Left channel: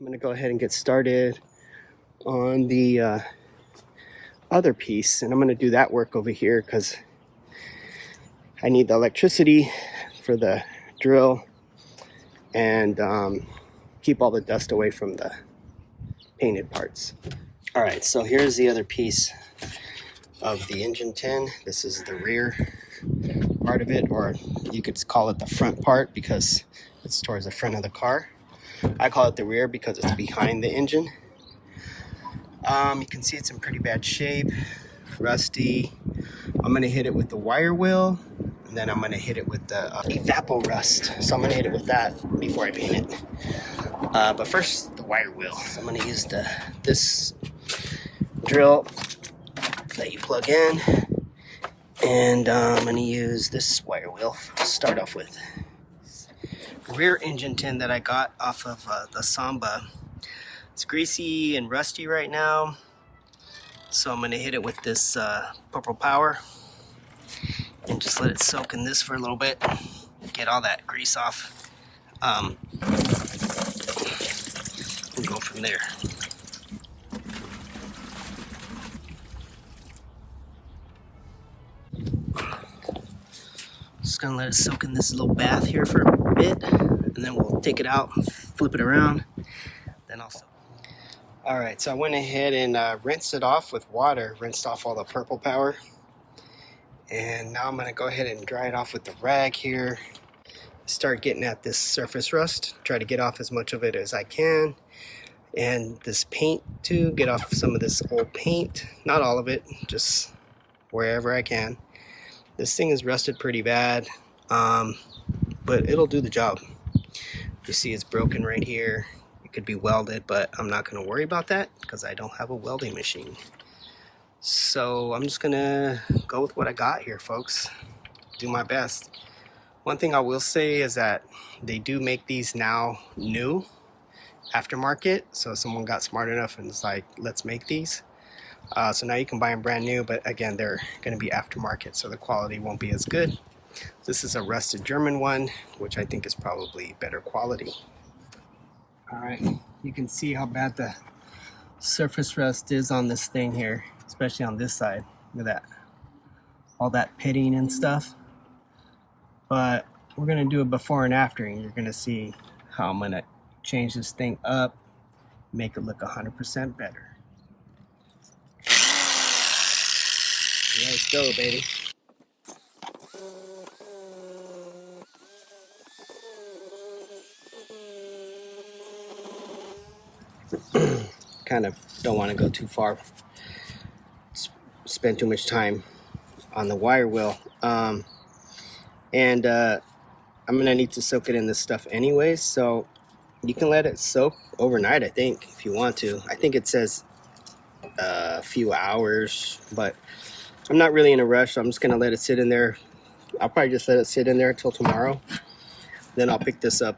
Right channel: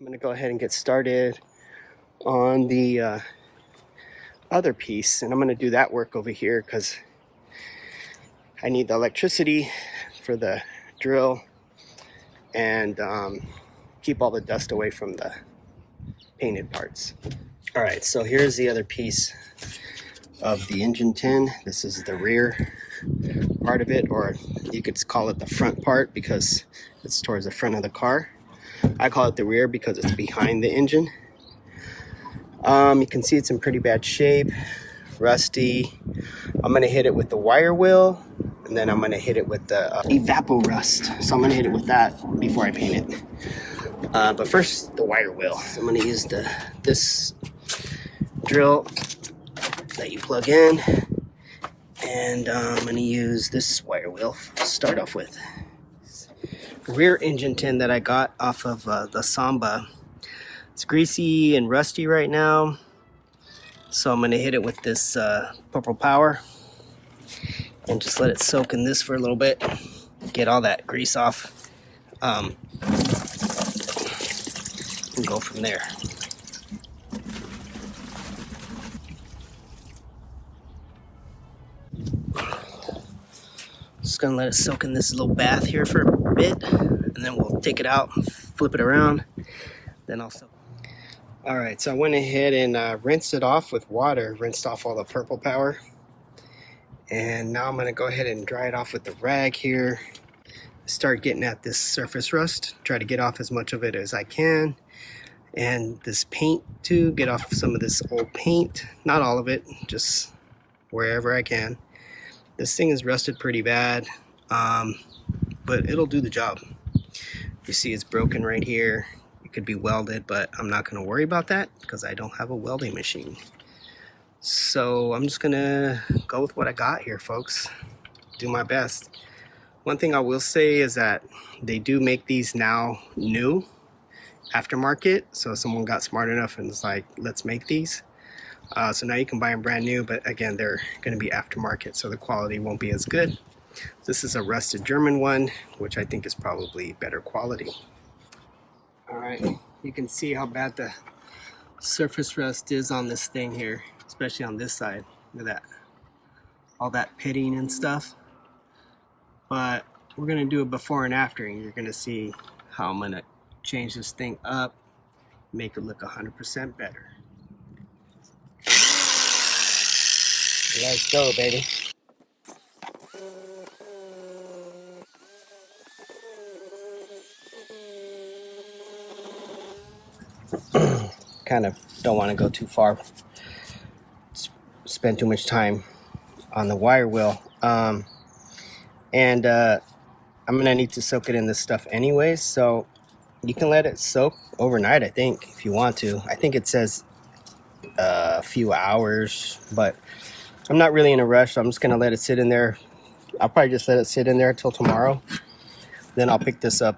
I'm going to go ahead and get started on the other piece, and I'm going to do that work over here because I need the electricity for the drill and keep all the dust away from the painted parts. All right, so here's the other piece of the engine tin. This is the rear part of it, or you could call it the front part because it's towards the front of the car. I call it the rear because it's behind the engine. You can see it's in pretty bad shape, rusty. I'm gonna hit it with the wire wheel, and then I'm gonna hit it with the Evapo Rust. So I'm gonna hit it with that before I paint it. But first, the wire wheel. I'm gonna use this drill that you plug in, and I'm gonna use this wire wheel to start off with. Rear engine tin that I got off of the Samba. It's greasy and rusty right now, so I'm going to hit it with this Purple Power and just let it soak in this for a little bit, get all that grease off, and go from there. Just gonna let it soak in this little bath here for a bit, and then we'll take it out, flip it around, then I'll soak. All right, so I went ahead and rinsed it off with water, rinsed off all the Purple Power, and now I'm gonna go ahead and dry it off with the rag here. Start getting at this surface rust, try to get off as much of it as I can, and this paint too, get off some of this old paint, not all of it, just wherever I can. This thing is rusted pretty bad, but it'll do the job. You see it's broken right here. It could be welded, but I'm not gonna worry about that because I don't have a welding machine. So I'm just gonna go with what I got here, folks. Do my best. One thing I will say is that they do make these now new, aftermarket. So someone got smart enough and was like, let's make these. So now you can buy them brand new, but again, they're going to be aftermarket, so the quality won't be as good. This is a rusted German one, which I think is probably better quality. All right, you can see how bad the surface rust is on this thing here, especially on this side. Look at that, all that pitting and stuff. But we're going to do a before and after, and you're going to see how I'm going to change this thing up, make it look 100% better. Let's go, baby. Kind of don't want to go too far, spend too much time on the wire wheel. I'm gonna need to soak it in this stuff anyway, so you can let it soak overnight, I think, if you want to. I think it says a few hours, but I'm not really in a rush, so I'm just gonna let it sit in there. I'll probably just let it sit in there till tomorrow. Then I'll pick this up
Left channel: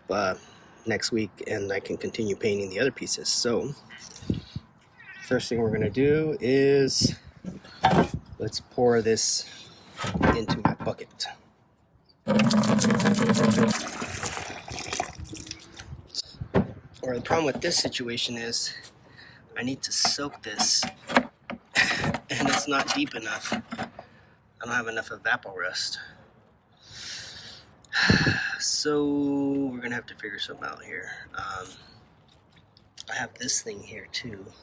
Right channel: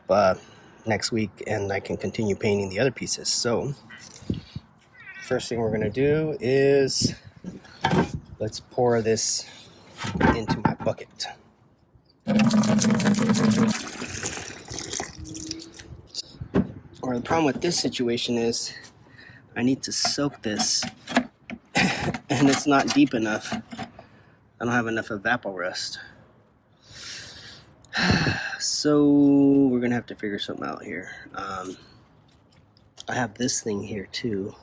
next week and I can continue painting the other pieces. So first thing we're gonna do is let's pour this into my bucket. Or the problem with this situation is I need to soak this and it's not deep enough. I don't have enough Evapo Rust. So we're gonna have to figure something out here. I have this thing here too.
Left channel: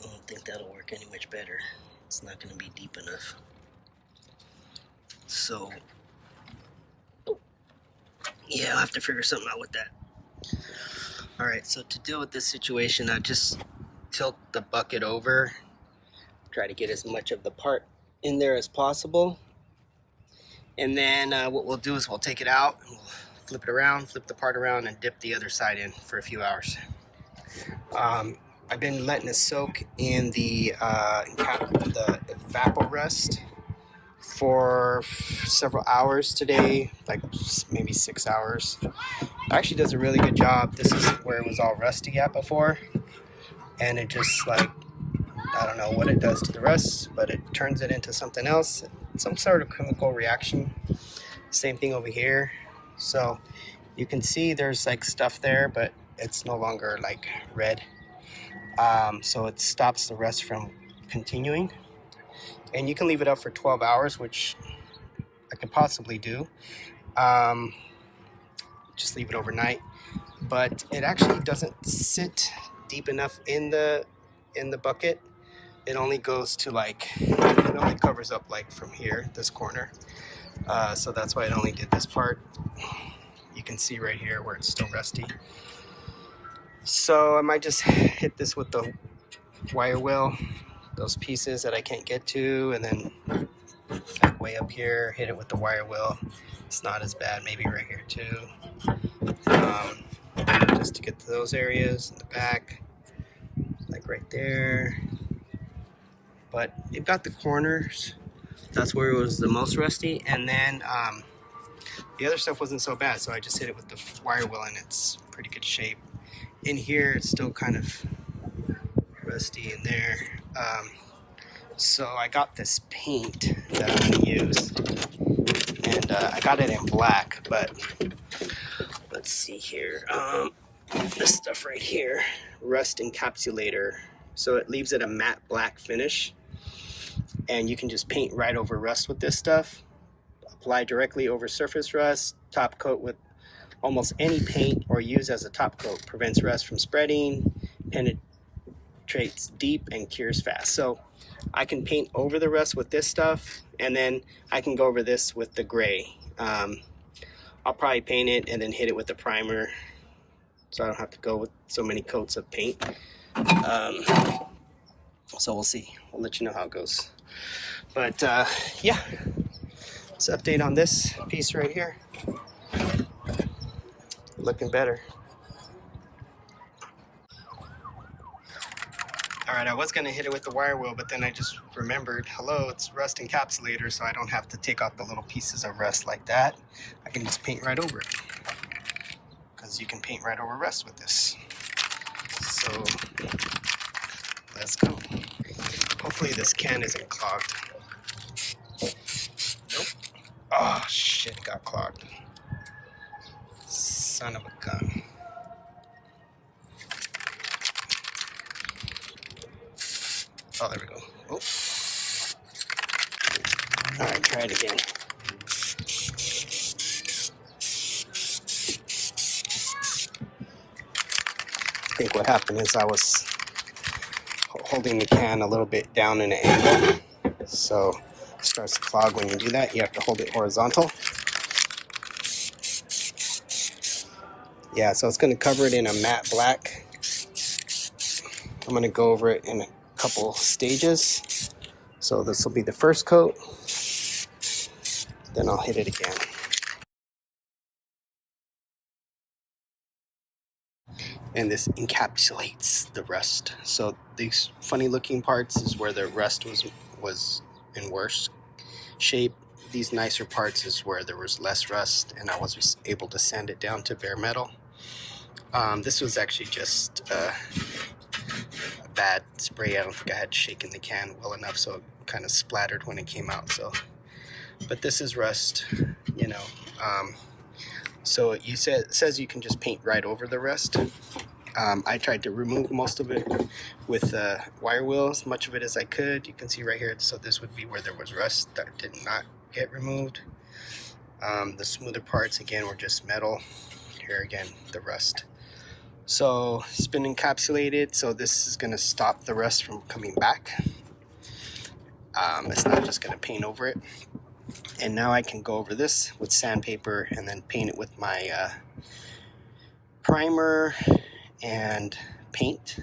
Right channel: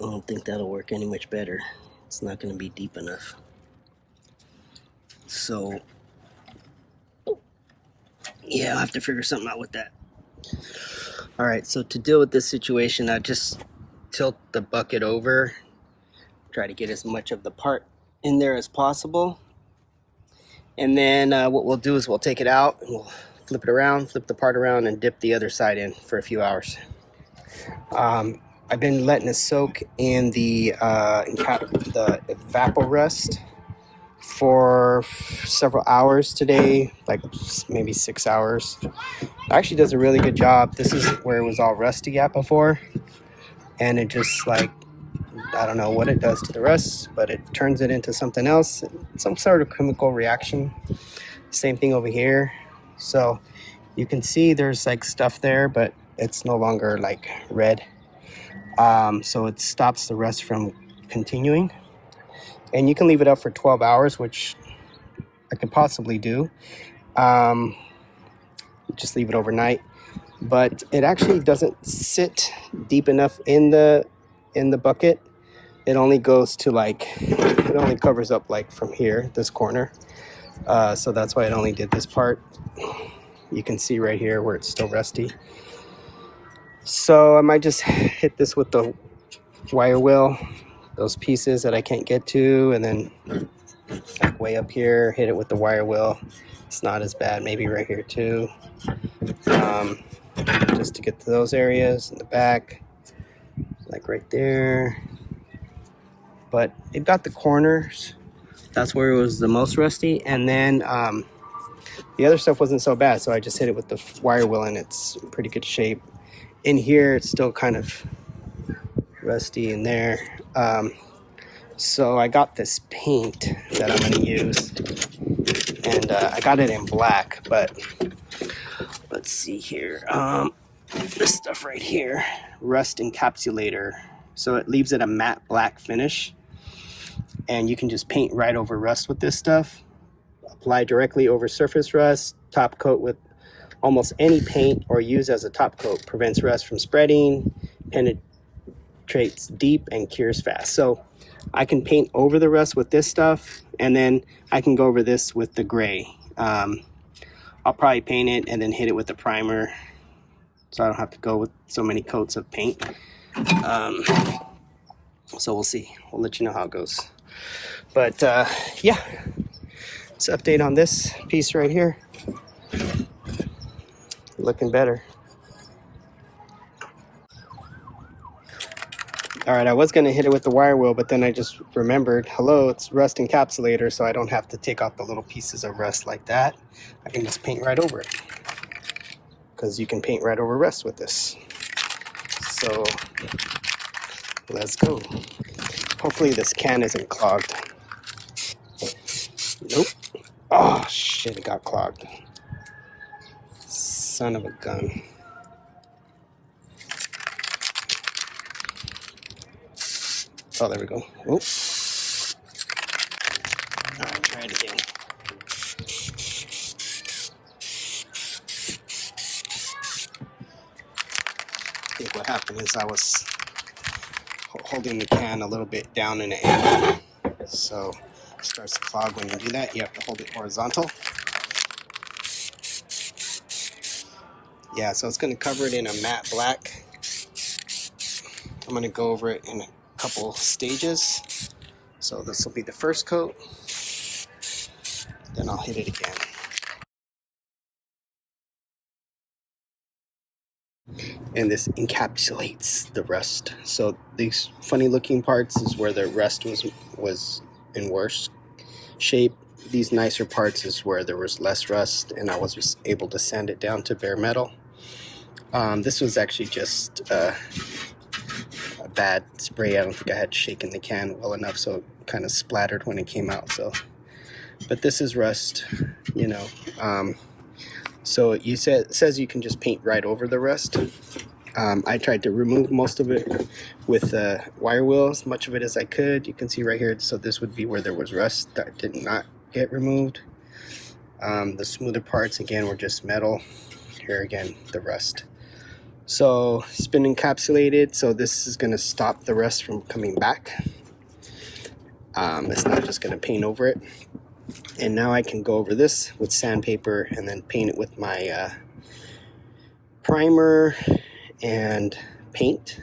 I don't think that'll work any much better. It's not gonna be deep enough. So yeah, I'll have to figure something out with that. All right, so to deal with this situation, I just tilt the bucket over, try to get as much of the part in there as possible. And then what we'll do is we'll take it out and we'll flip it around, flip the part around, and dip the other side in for a few hours. I've been letting it soak in the Evapo Rust for several hours today, like maybe 6 hours. It actually does a really good job. This is where it was all rusty at before, and it just like, I don't know what it does to the rust, but it turns it into something else, some sort of chemical reaction. Same thing over here. So you can see there's like stuff there, but it's no longer like red. So it stops the rust from continuing. And you can leave it up for 12 hours, which I could possibly do. Just leave it overnight. But it actually doesn't sit deep enough in the bucket. It only goes to like, it only covers up like from here, this corner. So that's why it only did this part. You can see right here where it's still rusty. So I might just hit this with the wire wheel, those pieces that I can't get to, and then like way up here, hit it with the wire wheel. It's not as bad, maybe right here too. Just to get to those areas in the back, like right there. But it got the corners. That's where it was the most rusty. And then the other stuff wasn't so bad, so I just hit it with the wire wheel and it's in pretty good shape. In here, it's still kind of rusty in there. So I got this paint that I'm gonna use, and I got it in black, but let's see here. This stuff right here, rust encapsulator. So it leaves it a matte black finish, and you can just paint right over rust with this stuff. Apply directly over surface rust, top coat with almost any paint, or use as a top coat. Prevents rust from spreading, penetrates deep, and cures fast. So I can paint over the rust with this stuff, and then I can go over this with the gray. I'll probably paint it and then hit it with the primer, so I don't have to go with so many coats of paint. So we'll see. We'll let you know how it goes. But yeah, it's an update on this piece right here. Looking better. All right, I was gonna hit it with the wire wheel, but then I just remembered, hello, it's rust encapsulator, so I don't have to take off the little pieces of rust like that. I can just paint right over it, because you can paint right over rust with this. So let's go. Hopefully this can isn't clogged. Nope. Oh shit, it got clogged. Son of a gun. Oh, there we go. Oop. All right, try it again. I think what happened is I was holding the can a little bit down in an angle, so it starts to clog when you do that. You have to hold it horizontal. Yeah, so it's going to cover it in a matte black. I'm going to go over it in a couple stages. So this will be the first coat, then I'll hit it again. And this encapsulates the rust. So these funny looking parts is where the rust was in worse shape. These nicer parts is where there was less rust, and I was just able to sand it down to bare metal. This was actually just a bad spray. I don't think I had shaken the can well enough, so it kind of splattered when it came out. So, but this is rust, you know. So it says you can just paint right over the rust. I tried to remove most of it with wire wheel, as much of it as I could. You can see right here, so this would be where there was rust that did not get removed. The smoother parts, again, were just metal. Here again, the rust. So it's been encapsulated, so this is going to stop the rust from coming back. It's not just going to paint over it. And now I can go over this with sandpaper and then paint it with my primer and paint.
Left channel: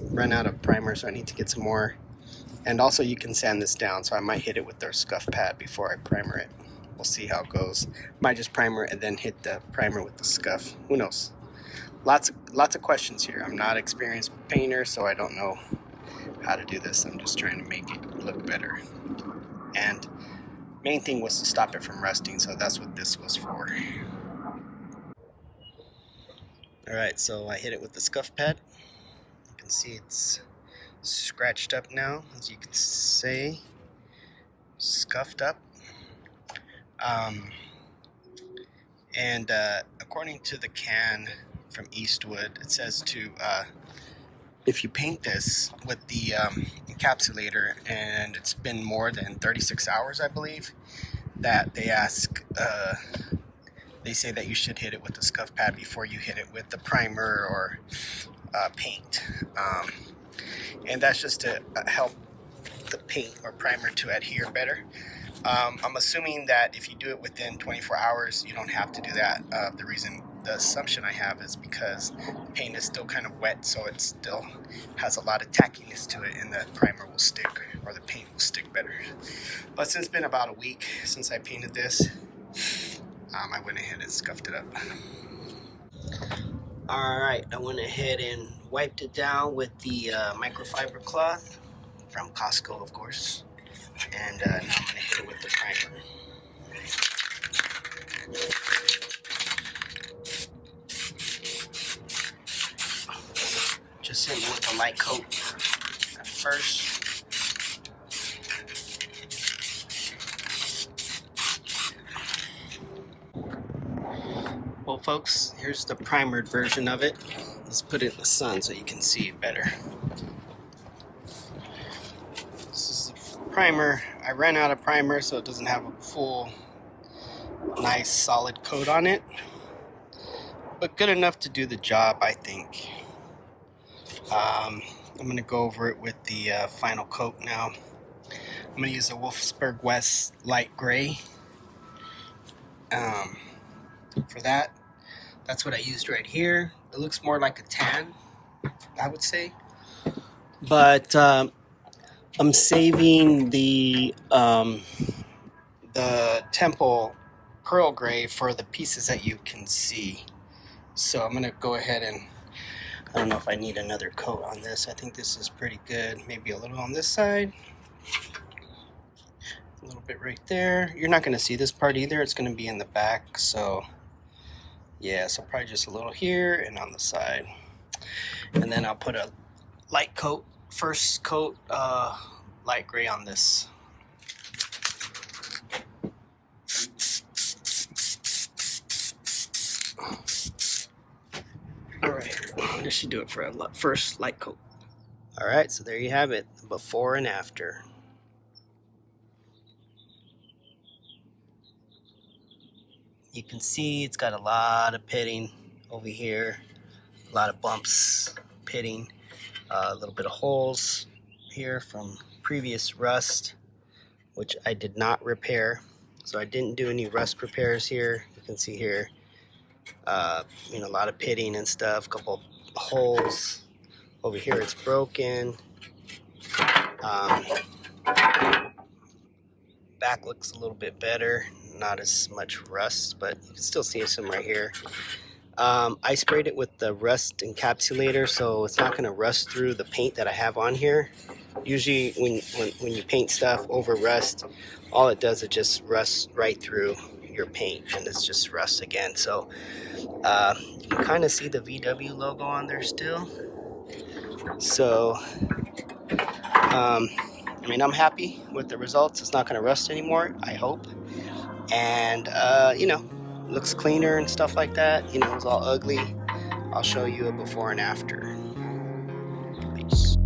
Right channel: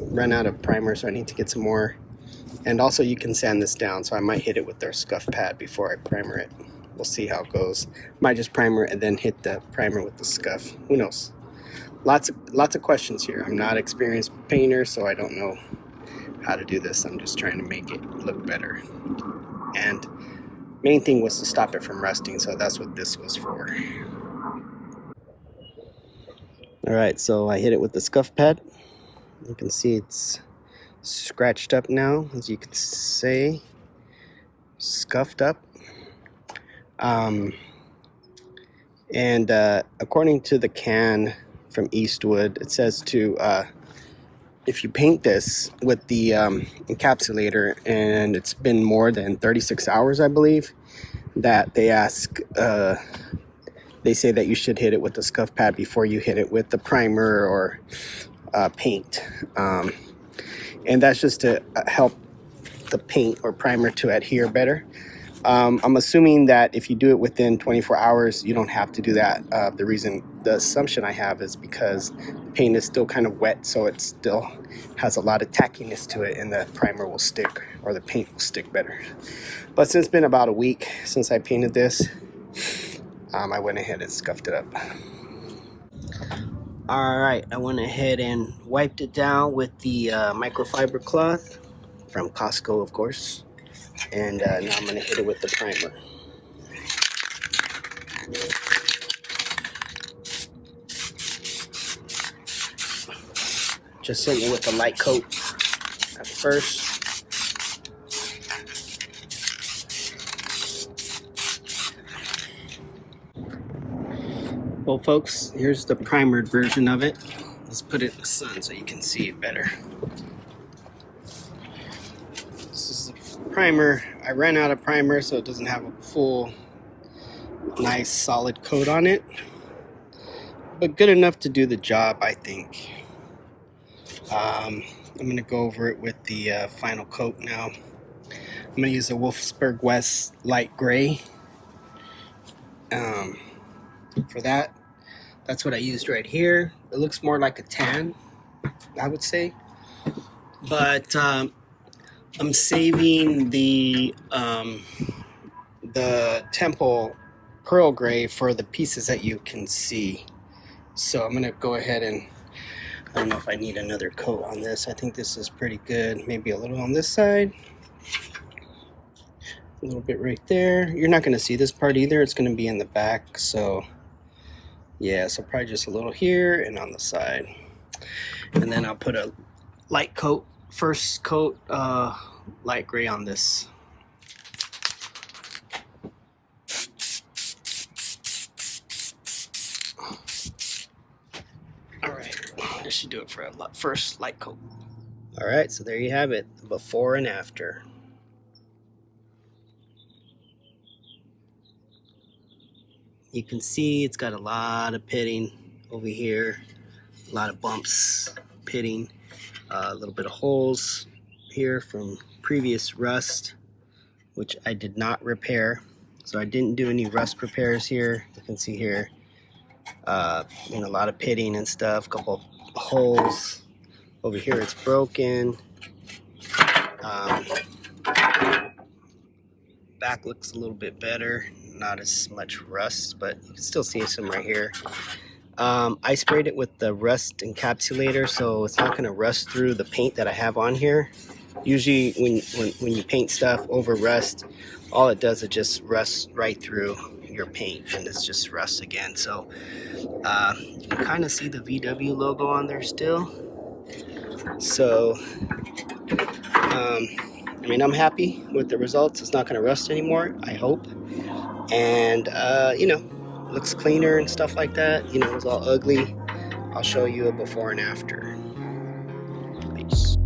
Run out of primer, so I need to get some more. And also you can sand this down, so I might hit it with their scuff pad before I primer it. We'll see how it goes. Might just primer and then hit the primer with the scuff. Who knows? Lots of questions here. I'm not an experienced painter, so I don't know how to do this. I'm just trying to make it look better. And main thing was to stop it from rusting, so that's what this was for. All right, so I hit it with the scuff pad. You can see it's scratched up now, as you can say, scuffed up. And according to the can from Eastwood. It says to if you paint this with the encapsulator and it's been more than 36 hours, I believe, that they ask, they say that you should hit it with the scuff pad before you hit it with the primer or paint. And that's just to help the paint or primer to adhere better. I'm assuming that if you do it within 24 hours, you don't have to do that. The assumption I have is because the paint is still kind of wet, so it still has a lot of tackiness to it, and the primer will stick, or the paint will stick better. But since it's been about a week since I painted this, I went ahead and scuffed it up. Alright, I went ahead and wiped it down with the microfiber cloth from Costco, of course. And now I'm going to hit it with the primer. Just hitting it with a light coat at first. Well, folks, here's the primered version of it. Let's put it in the sun so you can see it better. This is the primer. I ran out of primer, so it doesn't have a full, nice, solid coat on it. But good enough to do the job, I think. I'm going to go over it with the final coat now. I'm going to use a Wolfsburg West light gray for that. That's what I used right here. It looks more like a tan, I would say. But I'm saving the Temple Pearl Gray for the pieces that you can see. So I'm going to go ahead and, I don't know if I need another coat on this. I think this is pretty good. Maybe a little on this side. A little bit right there. You're not going to see this part either. It's going to be in the back. So yeah, so probably just a little here and on the side. And then I'll put a light coat, first coat, light gray on this. Alright, this should do it for a first light coat. Alright, so there you have it, before and after. You can see it's got a lot of pitting over here, a lot of bumps, pitting, a little bit of holes here from previous rust, which I did not repair. So I didn't do any rust repairs here. You can see here, a lot of pitting and stuff, a couple holes. Over here it's broken. Back looks a little bit better, not as much rust, but you can still see some right here. I sprayed it with the rust encapsulator, so it's not going to rust through the paint that I have on here. Usually when you paint stuff over rust, all it does is just rust right through your paint, and it's just rust again. So you can kind of see the VW logo on there still. So I'm happy with the results. It's not going to rust anymore, I hope. And looks cleaner and stuff like that. It was all ugly. I'll show you a before and after. Peace.